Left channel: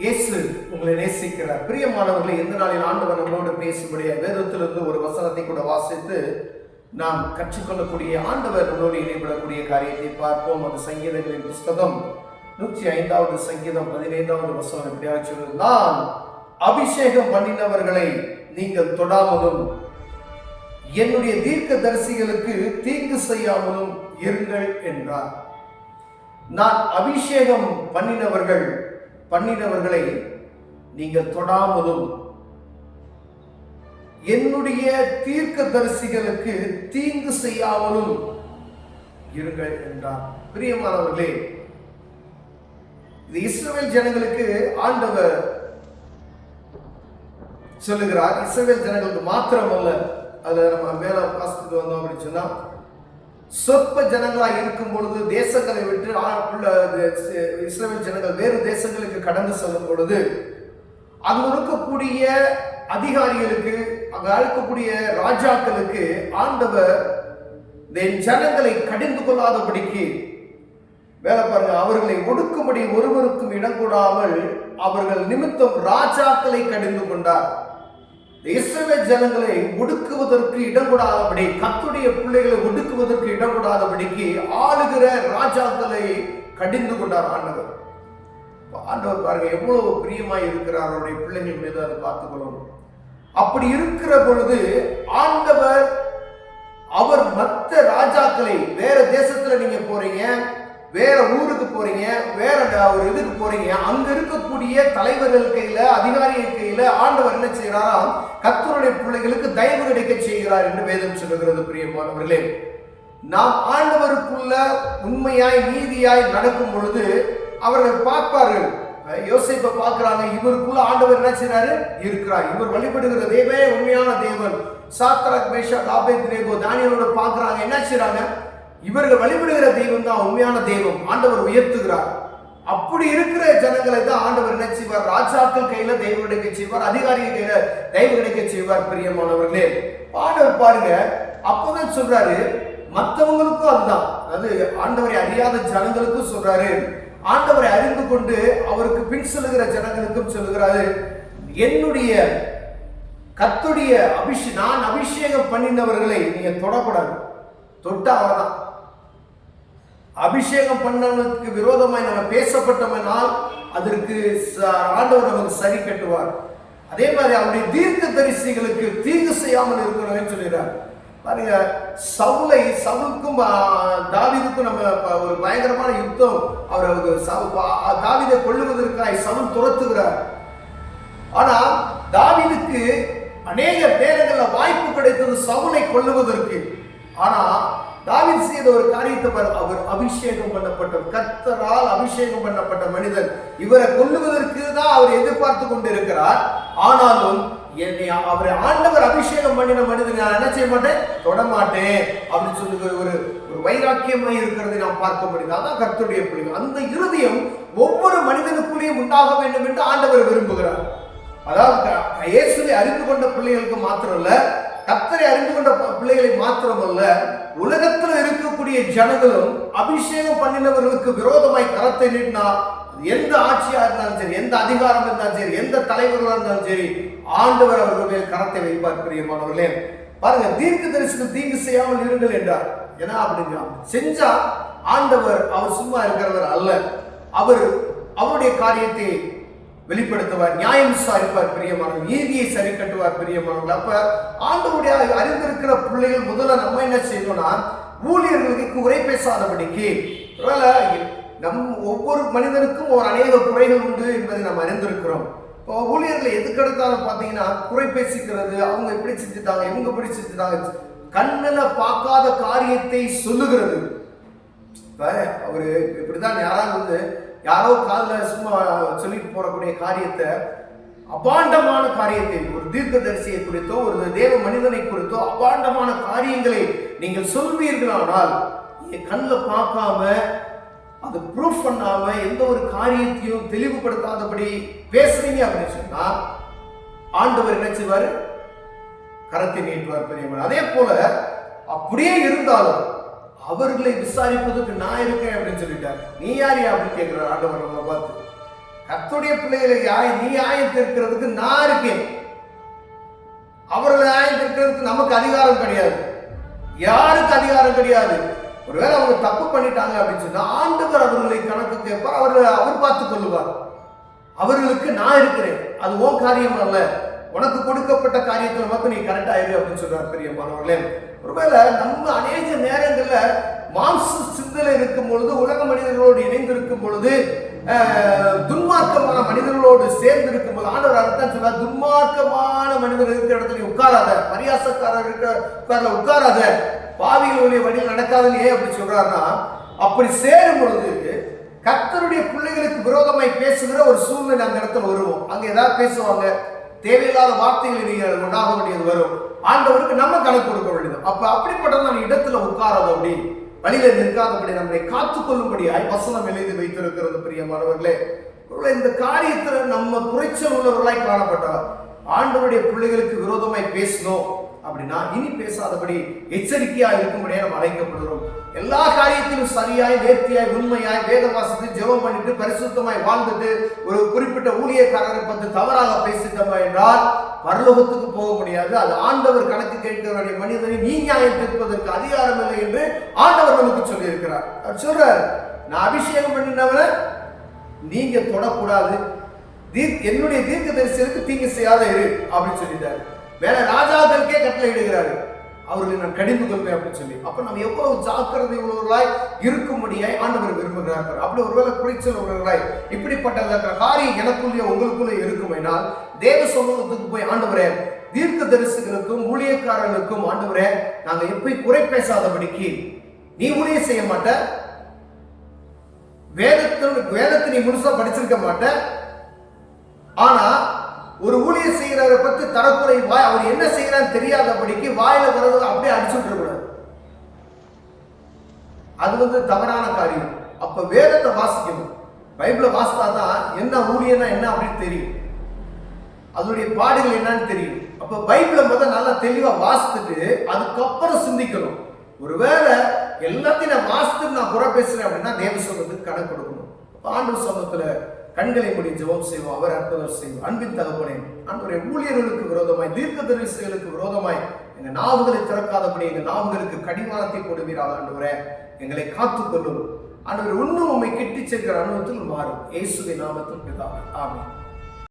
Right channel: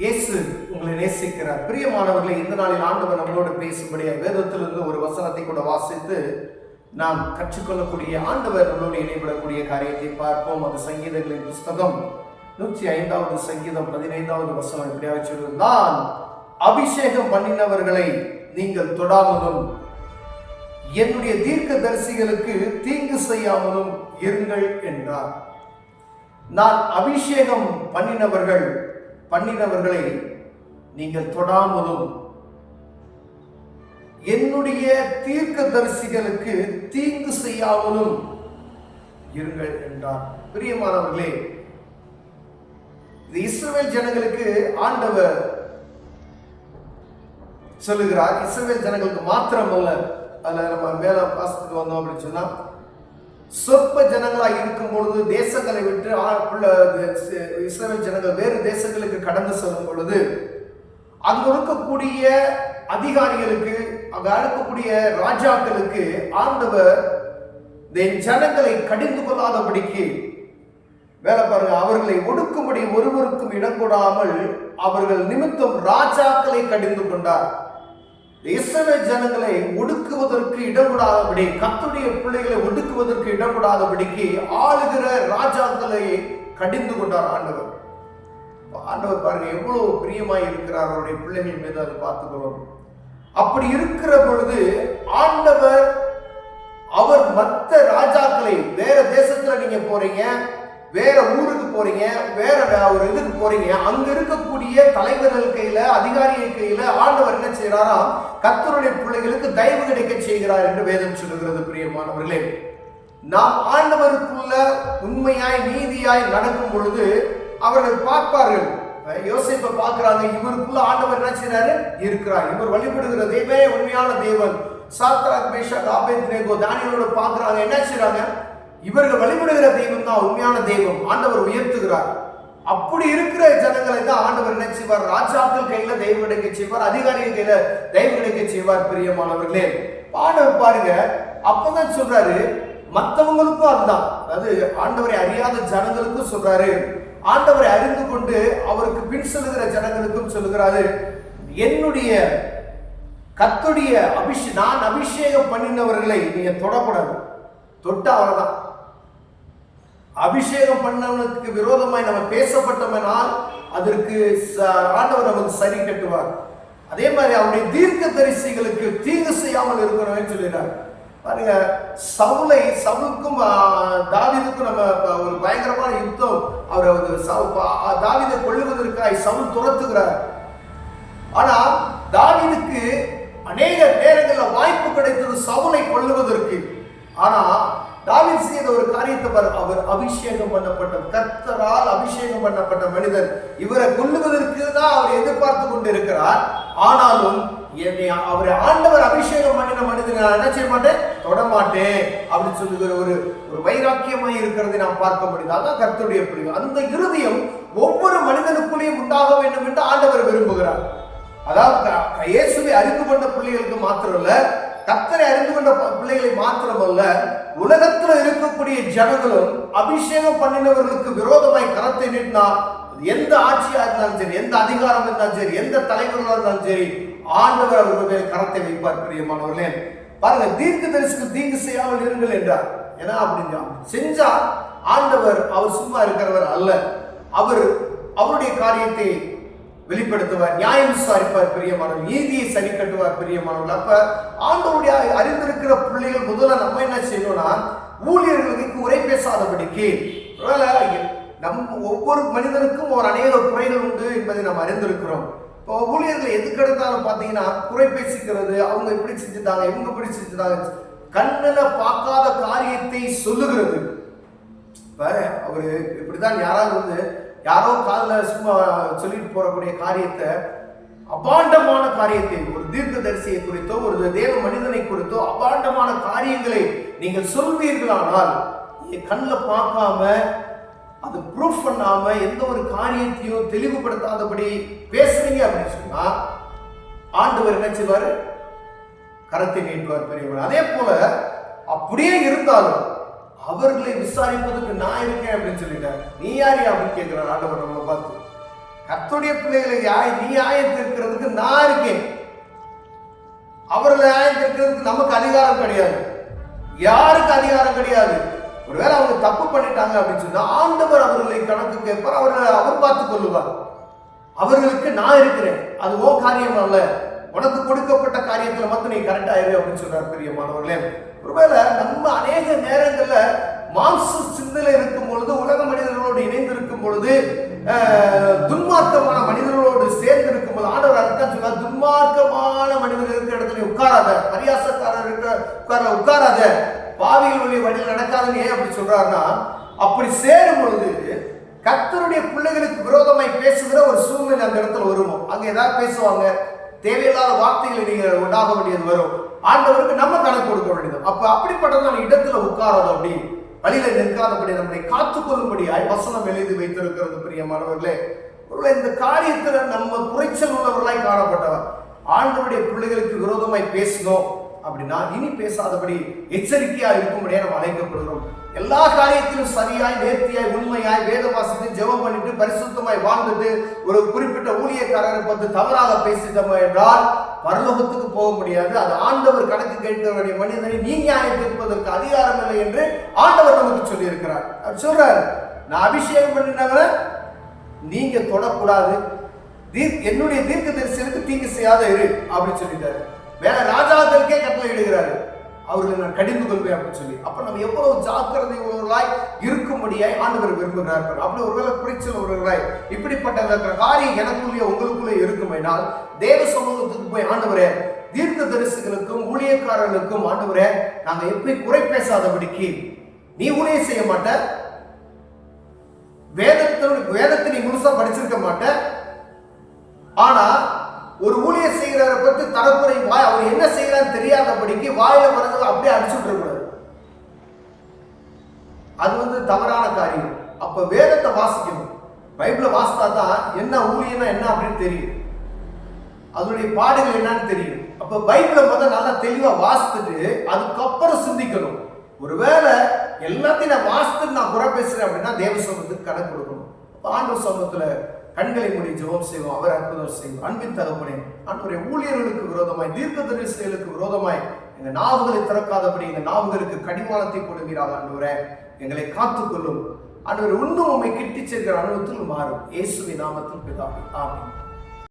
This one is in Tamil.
இயேசு உங்களை நேசிக்கிறார். பிரியமானவர்களை, இந்த நாளில் ஆண்டவர் நம்மளோடு பேசும்படியாக வேதத்திலிருந்து ஒரு வசனத்தை கூட வாசித்து நாம் கற்றுக்கொள்ளக்கூடிய, ஆண்டவர் நம்மளோடு இணைபடக்கூடிய காரியத்தை பார்ப்போம். அந்த சங்கீதங்களின் புஸ்தகம் 105வது சங்கீதம் 15வது வசனம் எப்படியாக சொல்லுது, நான் அபிஷேகம் பண்ணினவர்களை நீங்கள் தொடாமலும் என்னுடைய தீர்க்கதரிசிகளுக்கு தீங்கு செய்யாமலும் இருங்கள் என்றார். நான் அபிஷேகம் பண்ணினவர்களை நீங்கள் தொடாமலும் என்னுடைய தீர்க்கதரிசிகளுக்கு தீங்கு செய்யாமலும் இருங்கள் என்றார். பிரியமானவர்களே, இது இஸ்ரவேல் ஜனங்களுக்கு ஆண்டவர் சொல்லுகிறார். இஸ்ரவேல் ஜனங்களுக்கு மாத்திரமல்ல, அதுல நம்ம மேல வாசித்துட்டு வந்தோம் அப்படின்னு சொன்னா, சொற்ப ஜனங்களாக இருக்கும் பொழுது தேசங்களை விட்டு இஸ்ரவேல் ஜனங்கள் வேறு தேசங்களுக்கு கடந்து செல்லும் பொழுது அங்கு இருக்கக்கூடிய அதிகாரிகளுக்கு, அங்கு இருக்கக்கூடிய ராஜாக்களுக்கு ஆண்டவர் ஜனங்களை கடிந்து கொள்ளாதபடிக்கு வேலை பாருங்க, அவர்களை ஒடுக்கும்படி ஒருவருக்கும் இடம் கொடாமல் அவர்கள் நிமித்தம் ராஜாக்களை கடிந்து கொண்டார். இஸ்ரவேல் ஜனங்களை ஒடுக்குவதற்கு இடம் கொடாதபடி, கர்த்தருடைய பிள்ளைகளை ஒடுக்குவதற்கு இடம் கொடாதபடிக்கு ஆளுகிற ராஜாக்களை கடிந்து கொண்டார் ஆண்டவர். ஆண்டவர் பாருங்க எவ்வளவு பிரியமாய் இருக்கிறார் அவருடைய பிள்ளைகள் மீது, அதை பார்த்துக்கொள்ளணும். அப்படி இருக்கிற பொழுது ஆண்டவர் அவர் மற்ற ராஜாக்களை, வேற தேசத்துல நீங்க போறீங்க, வேற ஊருக்கு போறீங்க, வேற ஒரு இதுக்கு போறீங்க, அங்க இருக்கக்கூடிய தலைவர்கள் கையில, அதிகாரிகள் கையில ஆண்டவர் என்ன செய்யறாராம், கர்த்தருடைய பிள்ளைகளுக்கு தயவு கிடைக்க செய்கிறார் என்று வேதம் சொல்லுகிறது. பிரியமானவர்களே, நாம் ஆண்டவருக்குள்ள உண்மையாய் நீதியாய் நடக்கும் பொழுது அவர்கள் பார்ப்பார்கள். யோசேப்பை பார்க்கிறாங்க, இவருக்குள்ள ஆண்டவர் என்ன செய்யறாரு இருக்கிறார், இவர் வழிபடுகிற தேவனே உண்மையான தேவன். சாத்ராக், மேஷாக், ஆபேத்நேகோ, தானியேலோட பார்க்கிறாங்க, என்ன செய்யறாங்க, இவர்கள் வழிபடுகிற தெய்வம் தான் உண்மையான தெய்வம், ஆண்டவர் உயர்த்துகிறார். அப்படி இருக்கிற ஜனங்களை தான் ஆண்டவர் என்ன செய்வார், ராஜாக்கள் கையில தெய்வம் கிடைக்க செய்வார், அதிகாரிகள் கையில தெய்வம் கிடைக்க செய்வார். பிரியமானவர்களே, ஆண்டவர் பாருங்க அப்பதான் சொல்றாரு, மற்றவங்களுக்கும் அதுதான், அதாவது ஆண்டவரை அறியாத ஜனங்களுக்கும் சொல்றாரு, ஆண்டவரை அறிந்து கொண்டு அவருக்கு பின் செல்லுகிற ஜனங்களுக்கும் சொல்லுகிறாரு, என்னுடைய கர்த்தருடைய நான் அபிஷேகம் பண்ணினவர்களை நீங்க தொடக்கூடாது. தொட்டா அவ்வளவுதான். அபிஷேகம் பண்ணவனுக்கு விரோதமாய் நம்ம பேசப்பட்டோம்னால் அதற்கு ஆண்டவர் நமக்கு சரி கட்டுவார். அதே மாதிரி அவருடைய தீர்க்கதரிசிகளுக்கு தீங்கு செய்யாமல் இருக்கணும்னு சொல்லிடுறார். பாருங்க, சவுலுக்கும் தாவீதுக்கும் நம்ம ஒரு பயங்கரமான யுத்தம், தாவீதை கொல்லுவதற்காக சவுல் துரத்துகிறார். ஆனா தாவீதுக்கு அநேக நேரங்களில் வாய்ப்பு கிடைத்தது சவுலை கொல்லுவதற்கு. ஆனா தாவீது செய்த ஒரு காரியத்தை, அவர் அபிஷேகம் பண்ணப்பட்ட, கர்த்தரால் அபிஷேகம் பண்ணப்பட்ட மனிதன், இவரை கொல்லுவதற்கு தான் அவர் எதிர்பார்த்து கொண்டு இருக்கிறார். ஆனாலும் அவரை ஆண்டவர் அபிஷேகம் பண்ணின மனிதன் என்ன செய்ய மாட்டேன், தொடமாட்டேன் அப்படின்னு சொல்லுகிற ஒரு வைராக்கியமாய் இருக்கிறதை நாம் பார்க்க முடியுது. அதான் கர்த்தருடைய பிள்ளைகள். அந்த இருதயம் ஒவ்வொரு மனிதனுக்குள்ளேயும் உண்டாக வேண்டும் என்று ஆண்டவர் விரும்புகிறார். அதாவது இயேசுவை அறிந்து கொண்ட பிள்ளைகளுக்கு மாத்திரமல்ல, கர்த்தரை அறிந்து கொண்ட பிள்ளைகளை மாத்திரமல்ல, உலகத்தில் இருக்கக்கூடிய ஜனங்களும் அபிஷேகம் பண்ணினவர்களுக்கு விரோதமாய் கரத்தை நீட்டினா, எந்த ஆட்சியா இருந்தாலும் சரி, எந்த அதிகாரம் இருந்தாலும் சரி, எந்த தலைவர்களாக இருந்தாலும் சரி, ஆண்டவர் அவர்கள் மேல் கரத்தை வைப்பார். பிரியமானவர்களே, பாருங்க, தீர்க்கதரிசிக்கு தீங்கு செய்யாமல் இருங்கள் என்றார். ஏன்னா அப்படின்னா செஞ்சா ஆண்டவர் அவர் சும்மா இருக்கிறவர் அல்ல, அவர் அவருடைய காரியத்தை வெளிப்படுத்துவார், நியாயம் விசாரிப்பார். பிரியமானவர்கள், நீதியை சரி கட்டுவார். பிரியமானவர்கள், அப்ப ஆண்டவருடைய அறிந்திருக்கிற பிள்ளைகள் முதல்ல நம்ம என்ன செய்யணும்னா, ஊழியர்களுக்கு குறை பேசாதபடிக்கு, ஒவ்வொரு மனிதனுக்கும் ஒரு அநேக குறைகள் உண்டு என்பதை நம்ம அறிந்திருக்கிறோம். இப்போ ஊழியர்களை எதுக்கெடுத்தாலும் பார்த்தீங்கன்னா குறை பேசிக்கிறது, அவங்க இப்படி செஞ்சுட்டாங்க, இவங்க இப்படி செஞ்சுட்டாங்க, கண்ணில் பார்க்காத காரியத்தை சொல்லுகிறது. இப்ப அவரு இப்படிதான் யாராவது யாரோ காதில் சும்மா சொல்லிட்டு போறக்கூடிய காரியத்தை, அபாண்டமான காரியத்தை, ஒரு தீர்க்கதரிசியை குறித்தோ ஒரு தேவ மனிதனை குறித்தோ அபாண்டமான காரியங்களை நீங்கள் சொல்வீர்களானால், கண்ணில் பார்க்காம, அது ப்ரூஃப் பண்ணாம, எந்த ஒரு காரியத்தையும் தெளிவுபடுத்தாதபடி பேசுறீங்க அப்படின்னு சொன்னா ஆண்டவர் என்ன செய்வாரு, கரத்தை நீட்டுவார். பெரியவர் அதே போல அப்படியே இருந்தாலும் அவர்களை விசாரிப்பதற்கு நான் இருக்கேன் அப்படின்னு சொல்லிட்டார். நீ யாரு அப்படின்னு கேட்கிறார் ஆண்டவர் நம்மளை பார்த்து. கர்த்தருடைய பிள்ளைகளை நீ நியாயத்திருக்கிறதுக்கு நான் இருக்கேன். அவர்களை நியாயத்திருக்கிறதுக்கு நமக்கு அதிகாரம் கிடையாது, யாருக்கு அதிகாரம் கிடையாது. ஒருவேளை அவங்க தப்பு பண்ணிட்டாங்க அப்படின்னு சொன்னா ஆண்டவர் அவர்களை கணக்கு கேட்பார், அவர் பார்த்துக் கொள்ளுவார். அவர்களுக்கு நான் இருக்கிறேன், அது ஓ காரியம் அல்ல, உனக்கு கொடுக்கப்பட்ட காரியத்துல மட்டும் நீ கரெக்டா இரு அப்படின்னு சொல்றாரு பிரியமானவர்களே. ஒருவேளை நம்ம அநேக நேரங்கள்ல மாம்ச சிந்தனை இருக்கும் பொழுது, உலக மனிதர்களோடு இணைந்திருக்கும் பொழுது, துன்மார்க்கமான மனிதர்களோடு சேர்ந்து இருக்கும் போது ஆண்டவர் அதைத்தான் சொல்றார், துன்மார்க்கமான மனிதர் இருக்கிற இடத்துல உட்காராத, பரியாசக்காரர் இருக்கிற உட்காராத, பாவிகளுடைய வழியில் நடக்காதுன்னு ஏன் அப்படி சொல்றாருன்னா, அப்படி சேரும் பொழுது கர்த்தருடைய பிள்ளைகளுக்கு விரோதமாய் பேசுகிற ஒரு சூழ்நிலை அந்த இடத்துல வருவோம். அங்க ஏதாவது பேசுவாங்க, தேவையில்லாத வார்த்தைகளை நீங்கள் உண்டாக வேண்டியது வரும். ஆண்டவருக்கு நம்ம கணக்கு கொடுக்க வேண்டியது. அப்ப அப்படிப்பட்ட இடத்துல உட்காராதபடி, வழியில நிற்காதபடி நம்மளை காத்துக்கொள்ளும்படியாய் வசனம் எழுதி வைத்திருக்கிறது பிரியமானவர்களே. இந்த காரியத்துல நம்ம குறைச்சல் உள்ளவர்களாய் காணப்பட்டவர். ஆண்டவருடைய பிள்ளைகளுக்கு விரோதமாய் பேசணும் அப்படின்னா இனி பேசாதபடி எச்சரிக்கையா இருக்கும்படியா நம்ம அழைக்கப்படுகிறோம். எல்லா காரியத்திலும் சரியாய், நேர்த்தியாய், உண்மையாய் வேத வாசித்து ஜெபம் பண்ணிட்டு பரிசுத்தமாய் வாழ்ந்துட்டு ஒரு குறிப்பிட்ட ஊழியக்காரரை பற்றி தவறாக பேசிட்டோம் என்றால் பரலோகத்துக்கு போக முடியாது. அது ஆண்டவர் கணக்கு கேட்க வேண்டிய மனிதனை நீ நியாயம் தீர்ப்பதற்கு அதிகாரம் இல்லை என்று ஆண்டவர் நமக்கு சொல்லி இருக்கிறார். அவர் சொல்றார், நான் அபிஷேகம் பண்ணினவரை நீங்க தொடக்கூடாது, என்னுடைய தீர்க்க தரிசனத்துக்கு தீங்கு செய்யாத இரு அப்படின்னு சொல்லிட்டாரு. வேற ராஜாக்களுக்கே கட்டளை இடுகிறாரு, அவர்களை நான் கடிந்து கொள்வேன் அப்படின்னு சொல்லி. அப்ப நம்ம எவ்வளவு ஜாக்கிரதை உள்ளவர்களாய் இருக்கும்படியாய் ஆண்டவர் விரும்புகிறார். அப்படி ஒருவேளை குறைச்சல் உள்ளவர்களாய் இப்படிப்பட்ட காரியம் எனக்குள்ளே உங்களுக்குள்ளே இருக்குமைனால் தேவ சமூகத்துக்கு போய், ஆண்டவரே தீர்க்க தரிசிகளுக்கும் ஊழியக்காரர்களுக்கும் ஆண்டவரே நாங்க எப்படி குறை பேசாதபடிக்கு, நீ ஊழியம் செய்ய மாட்ட, வேதத்தை நீ முழுசா படிச்சிருக்க மாட்ட, ஆனா ஒரு ஊழியர் செய்கிறவரை பற்றி தரக்குறை வாய், அவர் என்ன செய்யறான்னு தெரியாதபடிக்கு வாயில வர்றது அப்படியே அடிச்சு விடக்கூடாது. அது தவறான காரியம். அப்ப வேதத்தை வாசிக்கணும், பைபிளை வாசித்தா தான் என்ன ஊழியனா என்ன அப்படின்னு தெரியும், அதனுடைய பாடுகள் என்னன்னு தெரியும். அப்ப பைபிளை முதல்ல நல்லா தெளிவா வாசித்துட்டு அதுக்கப்புறம் சிந்திக்கணும். ஒருவேளை எல்லாத்தையும் நான் வாசித்துட்டு நான் குறை பேசுறேன் அப்படின்னா தேவ சமூகத்துக்கு கணக்கு கொடுக்கணும். ஆண்டவர் சமூகத்துல கண்களை மூடி ஜெபம் செய்வோம். அவர் அற்புதம் செய்வோம். அன்பின் தகப்பனே, ஆண்டவரே ஊழியர்களுக்கு விரோதமாய், தீர்க்க தரிசிகளுக்கு விரோதமாய் எங்க நாவுகளை திறக்காதபடி எங்க நாவுகளுக்கு கடிவாளத்தை கொடுக்கிறாள். ஆண்டவரே எங்களை காத்துக்கொள்ளும். ஆண்டவர் இன்னும் உண்மை கிட்டி சேர்க்கிற அனுபவத்தில் மாறும். இயேசுவின் நாமத்தில் பிதாவே, ஆமென்.